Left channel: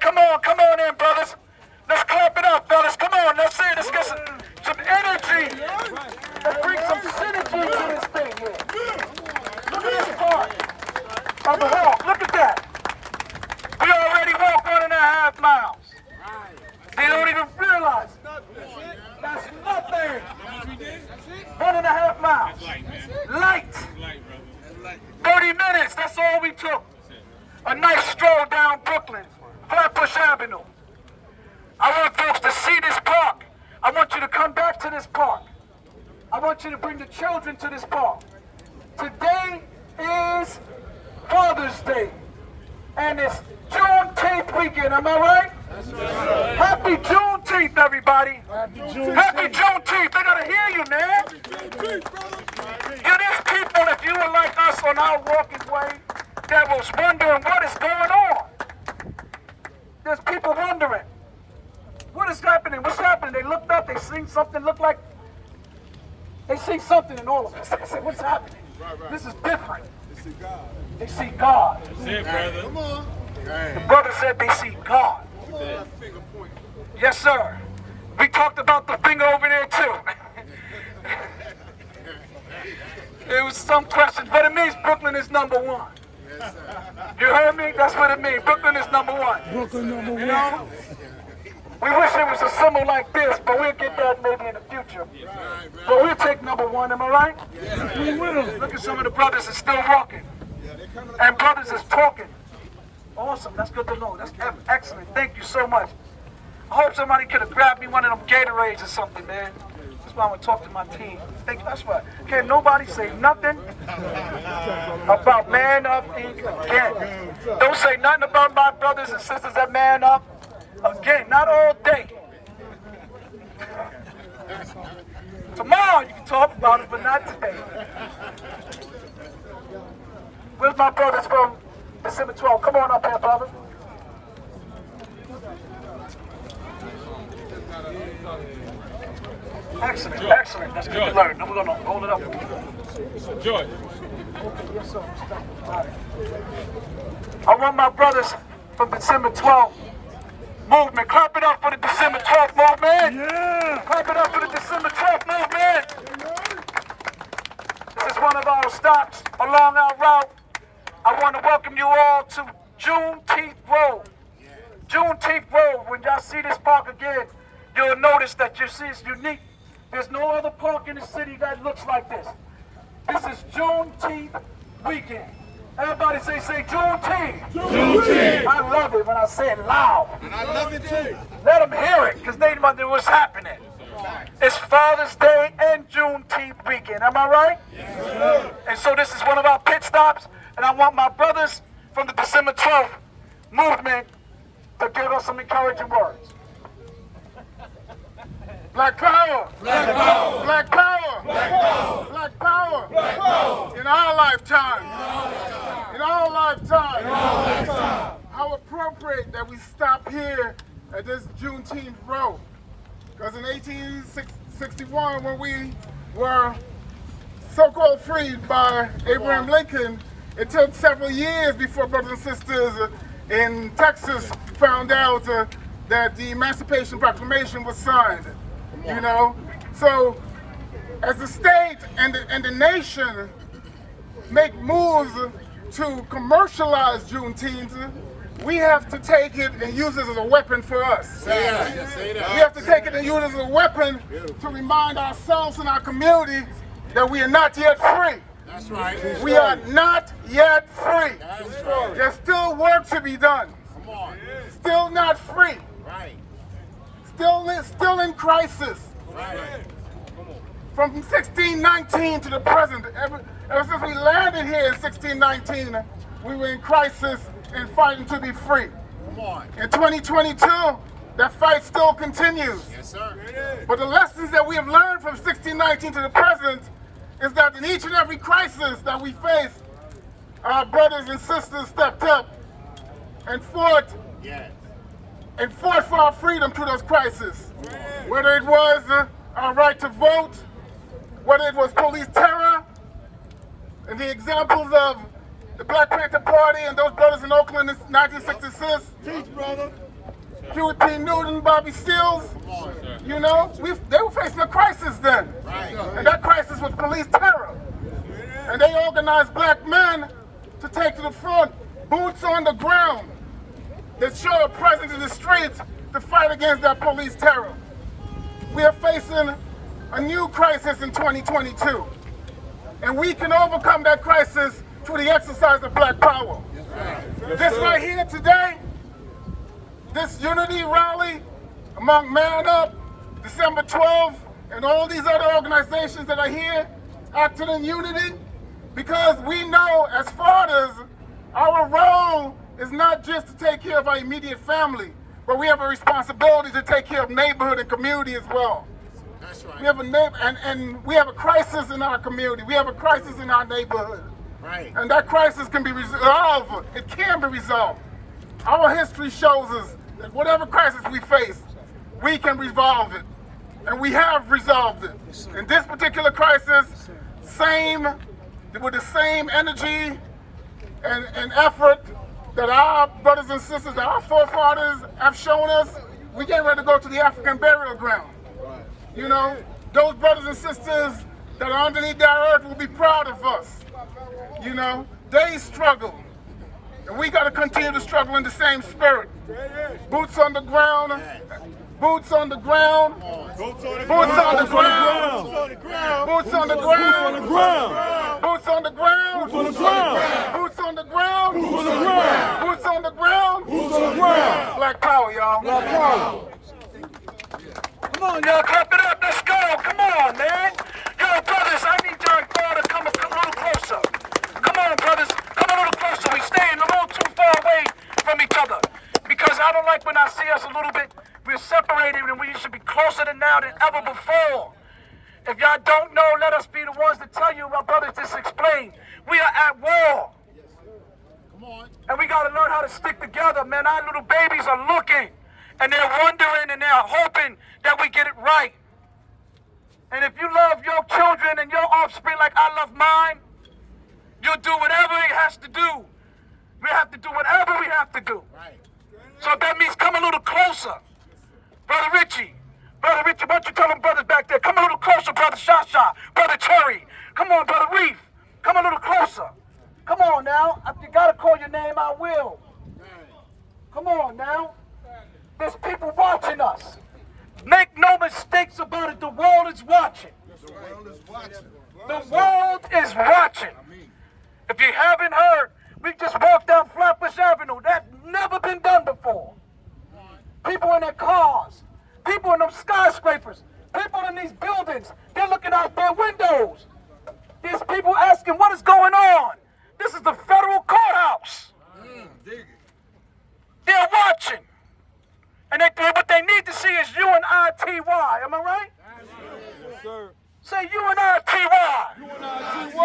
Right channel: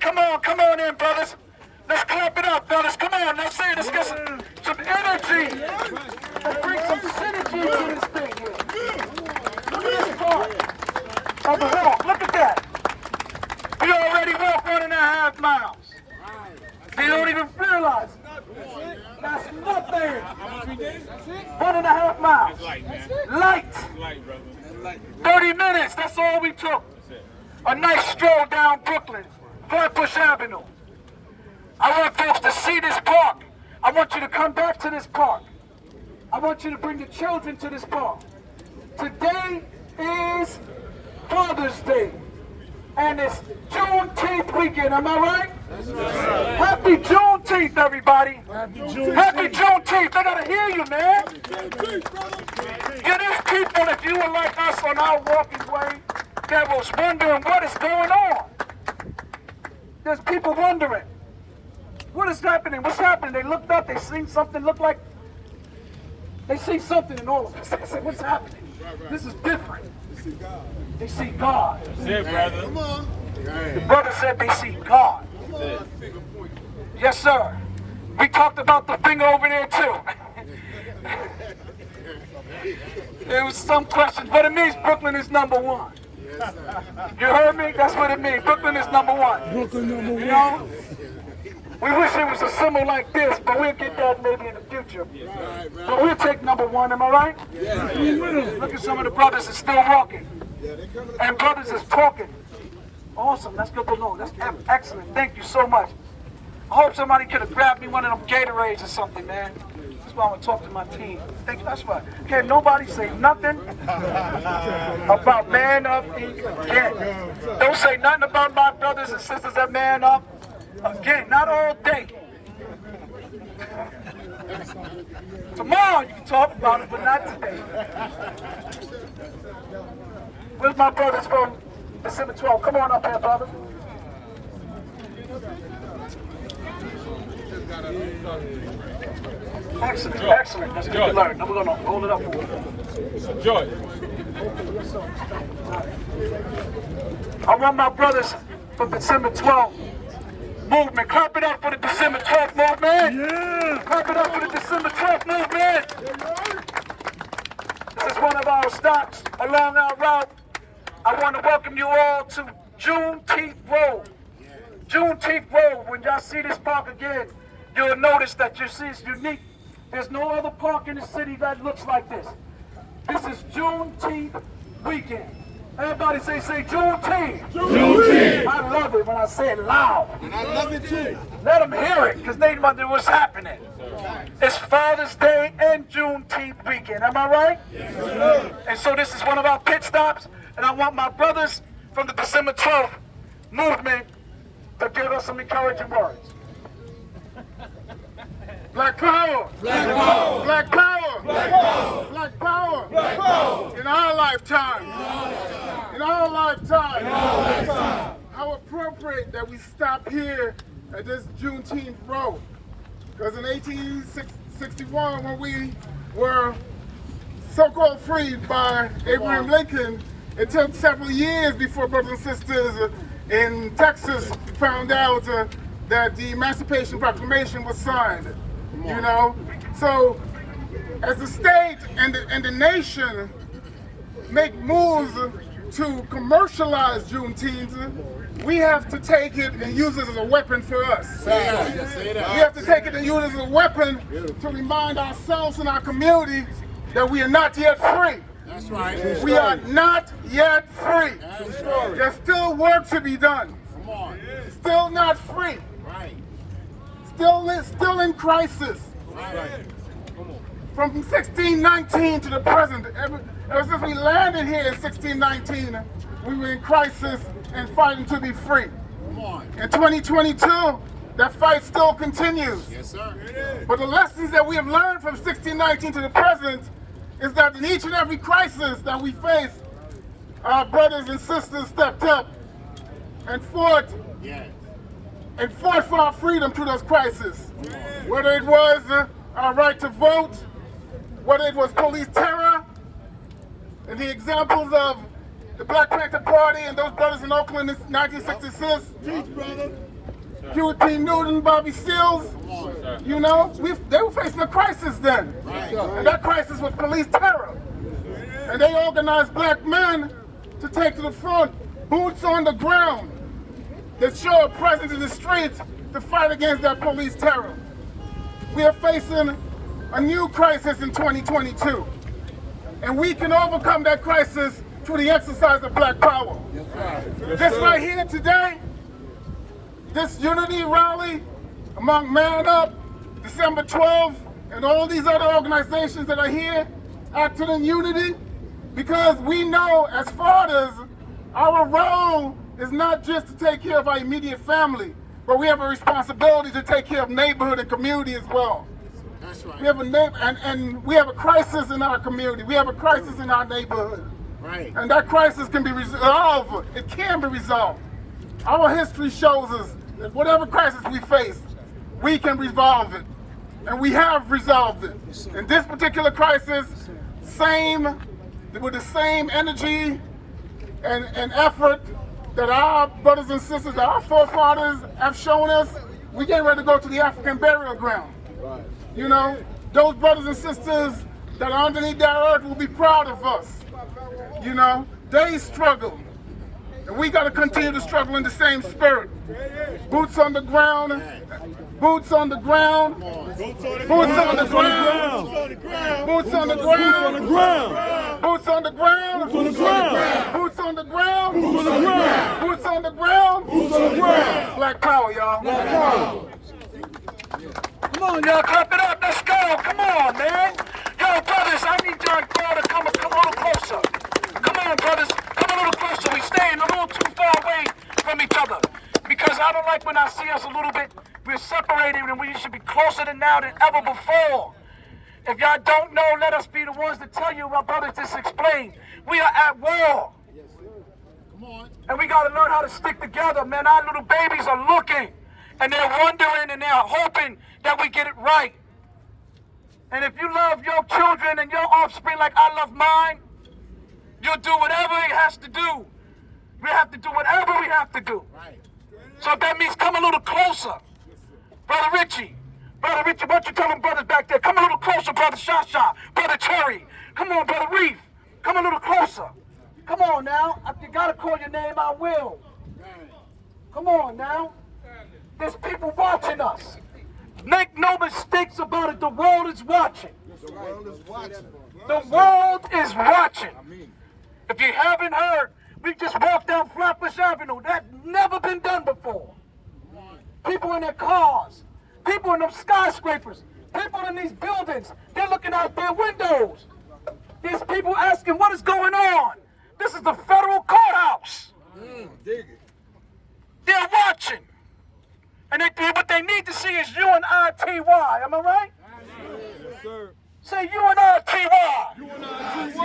Come on in, brothers. Let's clap it up, fellas. Come on, let's see. Let's get some energy. Let's bring some synergy to this thing here. Look at this part of the walk. Look at that. We already walked 1.5 miles. They don't even realize it. That's nothing. 1.5 miles. Light. 30 minutes. That's all we took. A nice stroll down Brooklyn, Flatbush Avenue. I want folks to see this park. I want you to come back to this park. I want you to bring the children to this park. Today is Father's Day, and it's Juneteenth weekend, am I right? Happy Juneteenth, everybody. Happy Juneteenth. They gotta hear you, man. Yeah, there's people, if you were like us on our walking way, that was wondering what is going on. There's people wondering, what is happening? What's happening? They looked up, they seen something look like, they see something in all of us. They said, what's happening? This is different. They see God. They see God. That's it, brother. Come on. The brother said they see God. Yes, sir. We talked about the finger over there, too. There was some questions, but it means Brooklyn is number one. You heard me? That's what it means. Brooklyn is number one. You know? We wish it was a symbol like this, but we'll get that maybe in the future. But we'll take number one, am I right? Look at some of the brothers that's still walking. And brothers is talking. Awesome, that's good to know. That's excellent. Thank you so much. I hope somebody could have grabbed me one of them Gatorades or something, man. That's why I'm going to talk to my team. That's why. Can't nobody say nothing about Man Up Inc. again. Don't say nothing about my brothers and sisters at Man Up again. Not all day. Tomorrow you can talk about it, but not today. Where's my brothers from December 12th? Come on up here, brother. Excellent, excellent. That's good to learn. Now we're going to hold it up for you. Enjoy. Okay, yes, sir. I want my brothers from December 12th movement. Clap it up for the December 12th movement. Yeah. Clap it up for the December 12th movement. This is one of our stops along our route. I want to welcome you all to Juneteenth Road. Juneteenth Road. When y'all see this park again, you'll notice that you see it's unique. There's no other park in the city that looks like this. This is Juneteenth weekend. Everybody say Juneteenth. Juneteenth. I love it when I say it loud. And I love it too. Let them hear it, because they wonder what's happening. It's Father's Day and Juneteenth weekend. Am I right? Yes. And so this is one of our pit stops, and I want my brothers from the December 12th movement to give us some encouraging words. Black power! Black power! Black power! Black power! Black power! Black power! In our lifetime! In our lifetime! In our lifetime! How appropriate that we stop here at this Juneteenth Road. Because in 1861, when we were so-called freed by Abraham Lincoln, it took several years before brothers and sisters in Texas found out that the Emancipation Proclamation was signed. You know, so as the state and the nation make moves to commercialize Juneteenth, we have to take it and use it as a weapon for us. We have to take it and use it as a weapon to remind ourselves and our community that we are not yet free. That's right. We are not yet free. That's right. There's still work to be done. Come on. Still not free. Right. Still in crisis. Right. From 1619 to the present, ever since we landed here in 1619, we were in crisis and fighting to be free. Come on. In 2022, that fight still continues. Yes, sir. But the lessons that we have learned from 1619 to the present is that in each and every crisis that we face, our brothers and sisters stepped up and fought. Yes. And fought for our freedom through those crises. Whether it was our right to vote, whether it was police terror, and the examples of the Black Panther Party and those brothers in Oakland in 1966. Huey P. Newton, Bobby Seals. You know, they were facing a crisis then. And that crisis was police terror. And they organized black men to take to the front, boots on the ground, that show a presence in the streets to fight against that police terror. We are facing a new crisis in 2022. And we can overcome that crisis through the exercise of black power. This right here today, this unity rally among Man Up, December 12th, and all these other organizations that are here acting in unity, because we know as fathers, our role is not just to take care of our immediate family, but we have a responsibility to take care of neighborhood and community as well. That's right. We have and we have a crisis in our community. We have a crisis in our neighborhood. Right. And that crisis can be resolved. It can be resolved. Our history shows us that whatever crisis we face, we can resolve it. And we have resolved it. In this particular crisis, with the same energy and effort that our brothers and sisters, that our forefathers have shown us, we get ready to go to the African burial ground. Right. You know, those brothers and sisters that are underneath that earth will be proud of us. You know, they struggle. And we got to continue to struggle in the same spirit. Boots on the ground. Boots on the ground. Boots on the ground. Boots on the ground. Boots on the ground. Boots on the ground. Boots on the ground. Black power, y'all. Come on, y'all, clap it up. Let's go. Come on, man. Yo, brothers, I need y'all to come a little closer. Come on, brothers. Come a little closer. We staying a little too far away from each other. Because I don't like when I see us a little bit, we're separated, and we should be closer than now than ever before. If y'all don't know, let us be the ones to tell you, my brothers, just explain. We are at war. Come on. And we got to learn how to stick together, man. Our little babies are looking, and they're wondering, and they're hoping that we get it right. And if you love your children and your offspring like I love mine, you'll do whatever it has to do. We have to do whatever we have to do. Right. So that means come a little closer. Brother Richie, why don't you tell them brothers back there? Come a little closer, Brother Shasha, Brother Cherry. Come on, Brother Reef. Come a little closer. Come on now. If you gotta call your name, I will. Come on now. There's people watching us. Make no mistakes about it. The world is watching. The world is watching. The world is watching. If you haven't heard, we just walked down Flatbush Avenue. That's never been done before. People in their cars, people in them skyscrapers, people in these buildings, they're looking out their windows. These people asking, what is going on? This is the federal courthouse. Dig it. They're watching. And what they need to see is UNITY. Am I right? Yes, sir. Say UNITY. UNITY.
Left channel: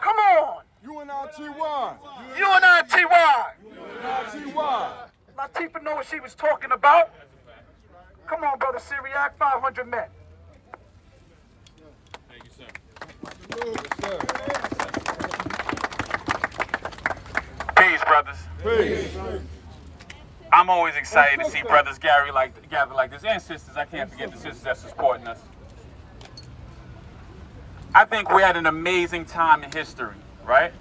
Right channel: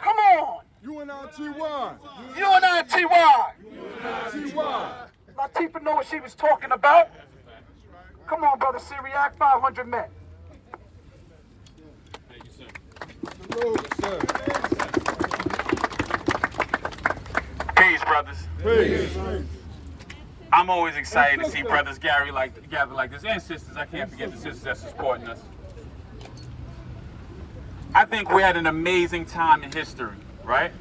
Come on. UNITY. UNITY. Latifah know what she was talking about. Come on, Brother Syriac, 500 men. Thank you, sir. Peace, brothers. Peace. I'm always excited to see brothers gather like this, and sisters. I can't forget the sisters that's supporting us. I think we're at an amazing time in history, right?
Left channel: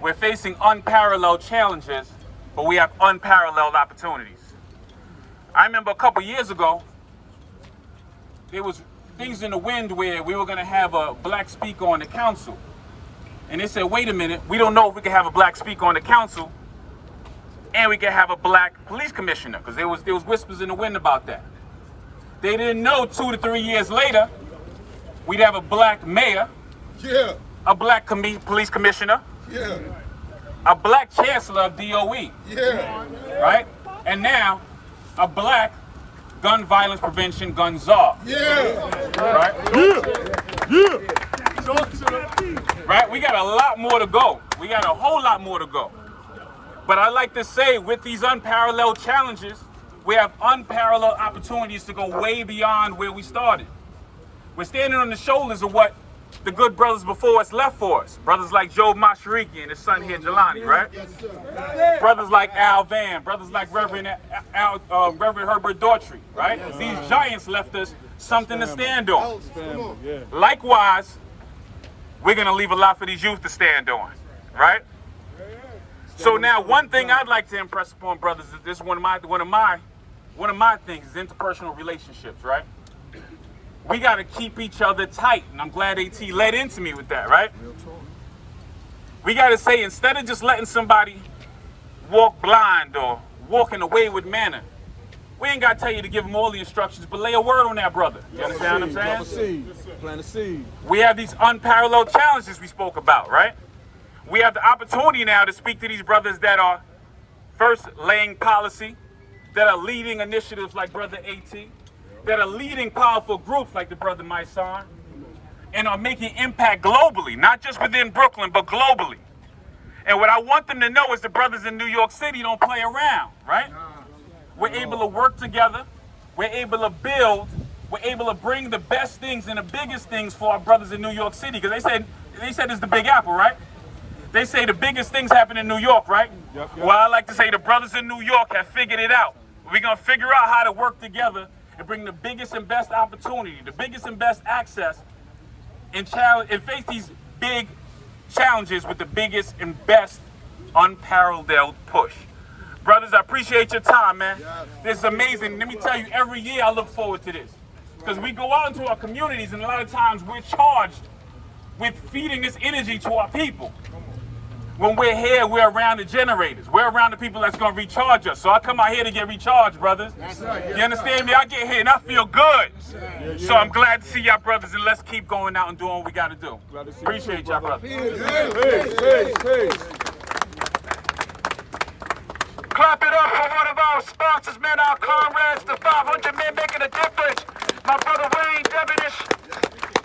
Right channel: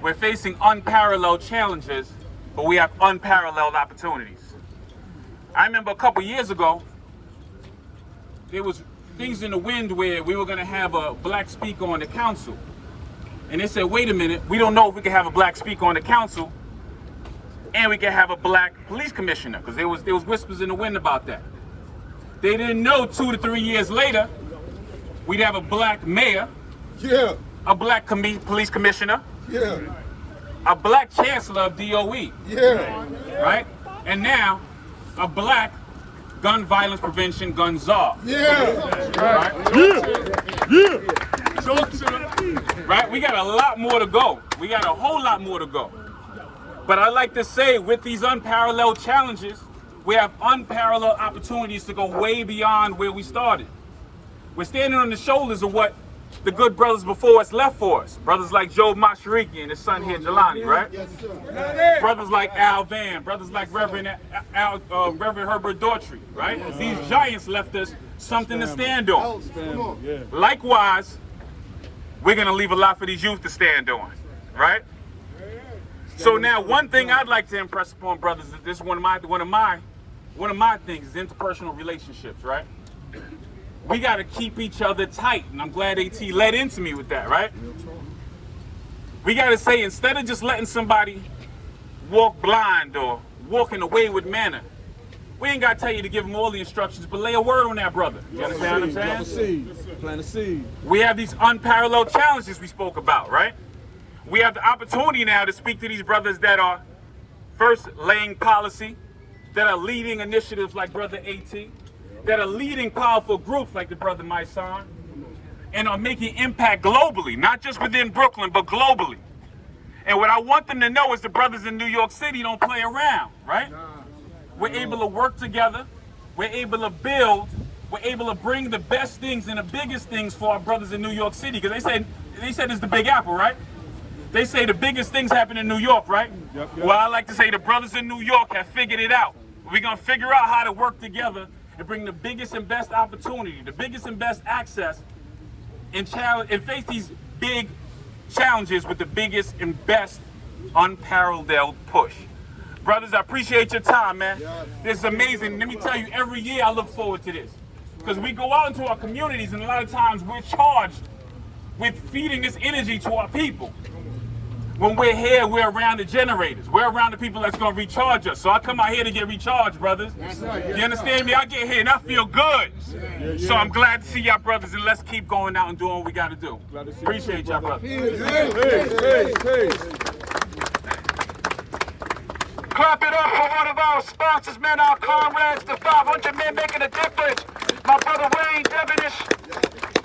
We're facing unparalleled challenges, but we have unparalleled opportunities. I remember a couple years ago, there was things in the wind where we were going to have a black speaker on the council. And they said, wait a minute, we don't know if we can have a black speaker on the council and we can have a black police commissioner, because there was whispers in the wind about that. They didn't know 2 to 3 years later, we'd have a black mayor, a black police commissioner, a black chancellor of DOE, right? And now, a black gun violence prevention gun czar. Right? Right? We got a lot more to go. We got a whole lot more to go. But I like to say, with these unparalleled challenges, we have unparalleled opportunities to go way beyond where we started. We're standing on the shoulders of what the good brothers before us left for us. Brothers like Joe Mashariki and his son here, Jelani, right? Brothers like Al Van, brothers like Reverend Herbert Daughtry, right? These giants left us something to stand on. Likewise, we're going to leave a lot for these youth to stand on, right? So now, one thing I'd like to impress upon brothers is this: one of my things is interpersonal relationships, right? We got to keep each other tight, and I'm glad AT led into me with that, right? We got to say, instead of just letting somebody walk blind or walk in a wayward manner, we ain't got to tell you to give them all the instructions, but lay a word on that brother. You understand what I'm saying? Plant a seed. We have these unparalleled challenges we spoke about, right? We have the opportunity now to speak to these brothers that are first laying policy, that are leading initiatives like Brother AT, that are leading powerful groups like the Brother Maisan, and are making impact globally, not just within Brooklyn, but globally. And what I want them to know is the brothers in New York City don't play around, right? We're able to work together, we're able to build, we're able to bring the best things and the biggest things for our brothers in New York City, because they said it's the Big Apple, right? They say the biggest things happen in New York, right? Well, I like to say the brothers in New York have figured it out. We're going to figure out how to work together and bring the biggest and best opportunity, the biggest and best access, and face these big challenges with the biggest and best unparalleled push. Brothers, I appreciate your time, man. This is amazing. Let me tell you, every year I look forward to this. Because we go out into our communities, and a lot of times we're charged with feeding this energy to our people. When we're here, we're around the generators. We're around the people that's going to recharge us. So I come out here to get recharged, brothers. You understand me? I get here and I feel good. So I'm glad to see y'all, brothers, and let's keep going out and doing what we got to do. Appreciate y'all, brothers. Clap it up for one of our sponsors, man, our comrades, the 500 men making a difference. My brother Wayne Devenish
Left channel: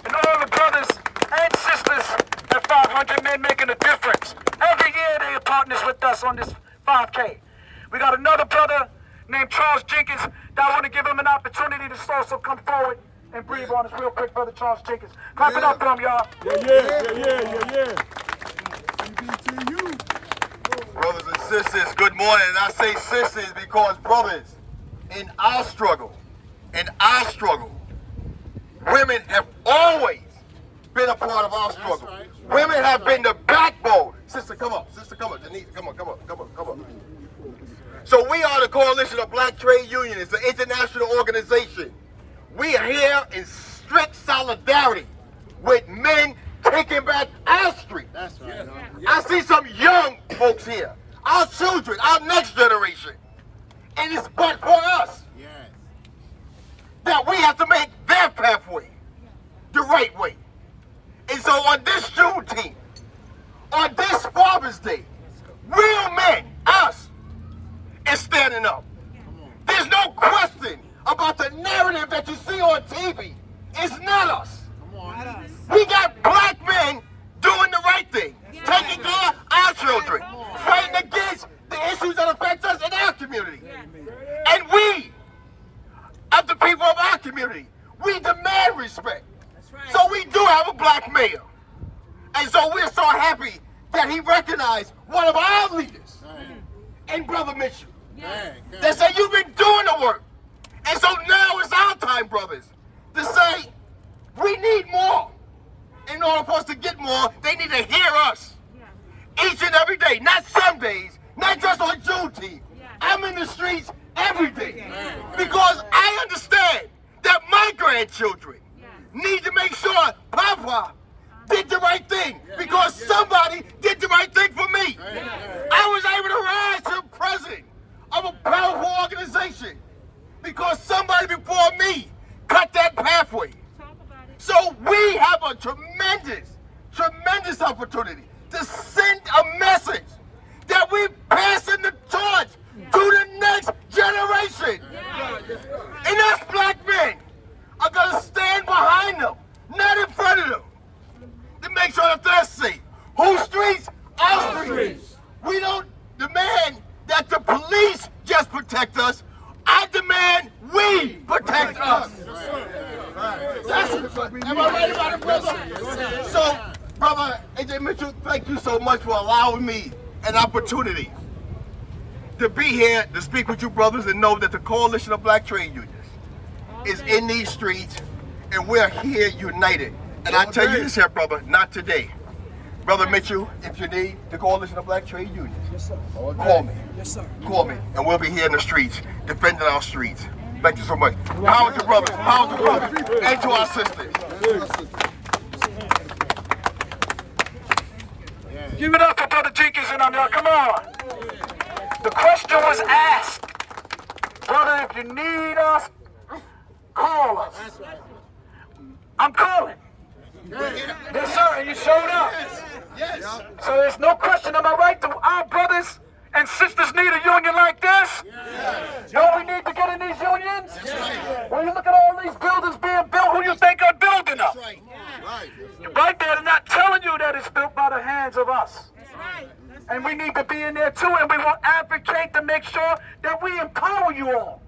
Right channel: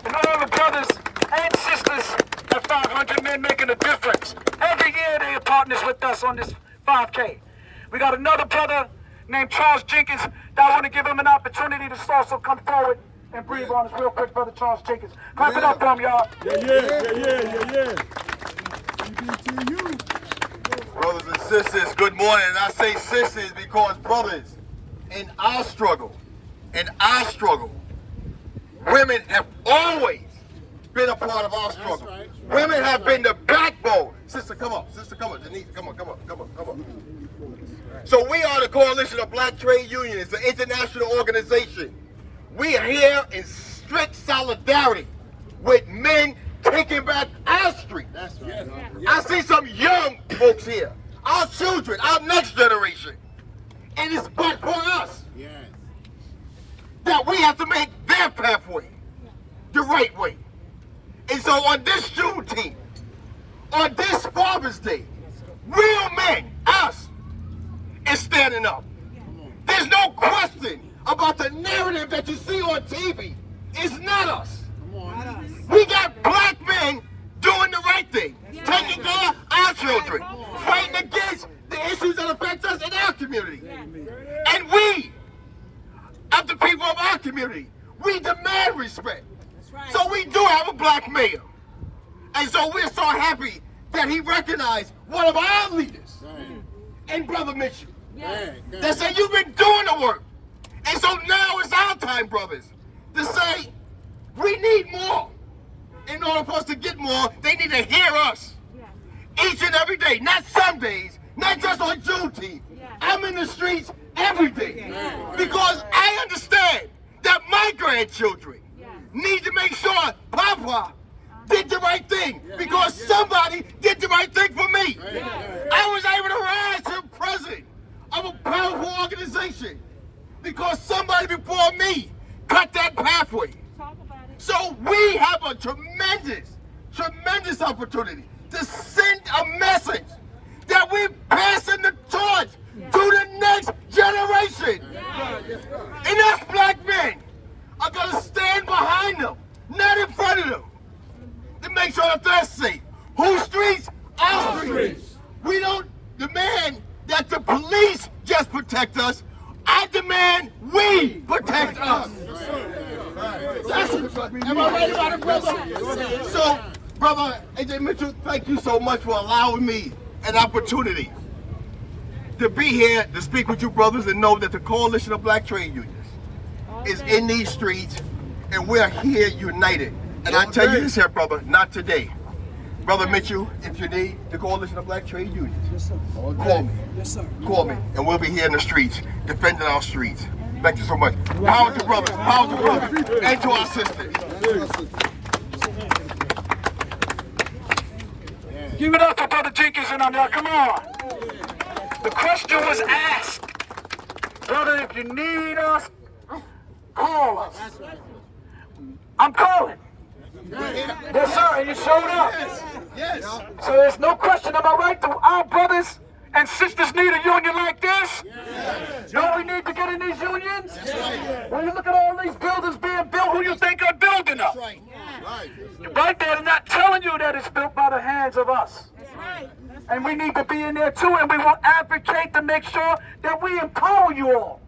and all the brothers and sisters at 500 men making a difference. Every year they are partners with us on this 5K. We got another brother named Charles Jenkins that I want to give him an opportunity to also come forward and breathe on us real quick, brother Charles Jenkins. Clap it up for him, y'all. Brothers and sisters, good morning. And I say sisters because, brothers, in our struggle, women have always been a part of our struggle. Right. Women have been the backbone. Sister, come up. Denise, come on. So we are the Coalition of Black Trade Unions. It's an international organization. We are here in strict solidarity with men taking back our street. That's right. I see some young folks here, our children, our next generation. And it's but for us that we have to make their pathway the right way. And so on this Juneteenth, on this Father's Day, real men, us, is standing up. There's no question about the narrative that you see on TV. It's not us. We got black men doing the right thing, taking care of our children, fighting against the issues that affect us in our community. And we, of the people of our community, we demand respect. So we do have a black mayor. And so we're so happy that he recognized one of our leaders in Brother Mitchell. That said, you've been doing the work. And so now it's our time, brothers, to say, we need more. In order for us to get more, they need to hear us. Each and every day, not some days, not just on Juneteenth. I'm in the streets every day. Because I understand that my grandchildren need to make sure Papa did the right thing, because somebody did the right thing for me. I was able to rise to the president of a powerful organization because somebody before me cut that pathway. So we have a tremendous opportunity to send a message that we're passing the torch to the next generation. And us black men are going to stand behind them, not in front of them, to make sure that they're safe. Whose streets? Our streets. We don't demand that the police just protect us. I demand we protect us. Am I right about it, brother? So, brother AJ Mitchell, thank you so much for allowing me an opportunity to be here to speak with you brothers and know that the Coalition of Black Trade Unions is in these streets and we're here united. And I tell you this here, brother, not today. Brother Mitchell, if you need the Coalition of Black Trade Unions, call me. Yes, sir. Call me, and we'll be here in the streets, defending our streets. Thank you so much. Power to brothers, power to brothers, and to our sisters. Give it up for Brother Jenkins and on y'all. Come on. The question was asked. Brother, if you need us, call us. I'm calling. Yes, sir, and you showed up. So there's no question, am I right? Do our brothers and sisters need a union like this? Don't we need to get in these unions? When you look at all these buildings being built, who you think are building them? Right there, they're not telling you that it's built by the hands of us. And we need to be in there too, and we will advocate to make sure that we empower you all.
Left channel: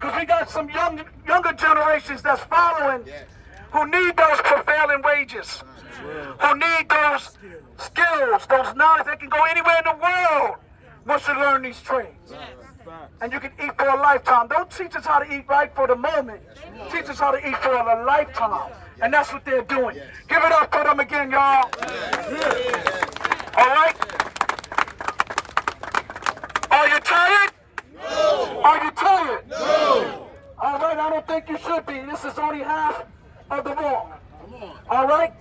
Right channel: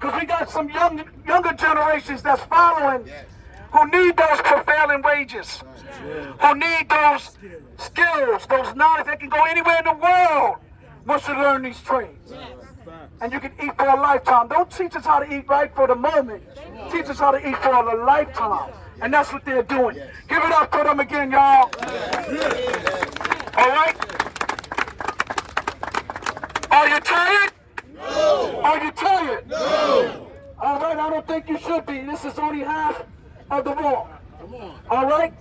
Because we got some younger generations that's following who need those prevailing wages, who need those skills, those knowledge. They can go anywhere in the world once you learn these trades. And you can eat for a lifetime. Don't teach us how to eat right for the moment. Teach us how to eat for a lifetime. And that's what they're doing. Give it up for them again, y'all. All right? Are you tired? No. Are you tired? No. All right, I don't think you should be. This is only half of the walk. All right?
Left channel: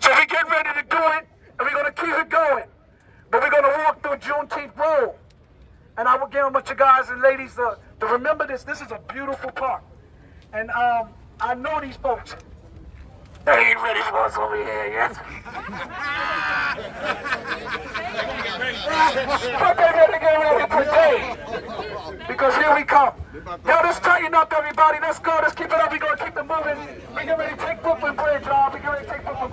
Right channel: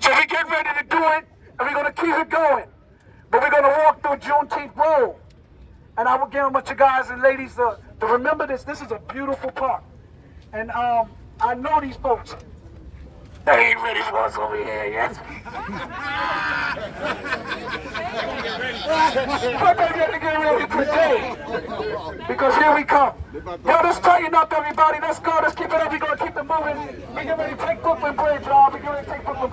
So we're getting ready to do it, and we're going to keep it going. But we're going to walk through Juneteenth Road. And I would want you guys and ladies to remember this. This is a beautiful park. And I know these folks. They ain't ready for us over here yet. But they're ready to get ready today. Because here we come. Yo, let's tighten up, everybody. Let's go. Let's keep it up. We're going to keep it moving. We're getting ready to take Brooklyn Bridge, y'all. We're getting ready to take Brooklyn Bridge.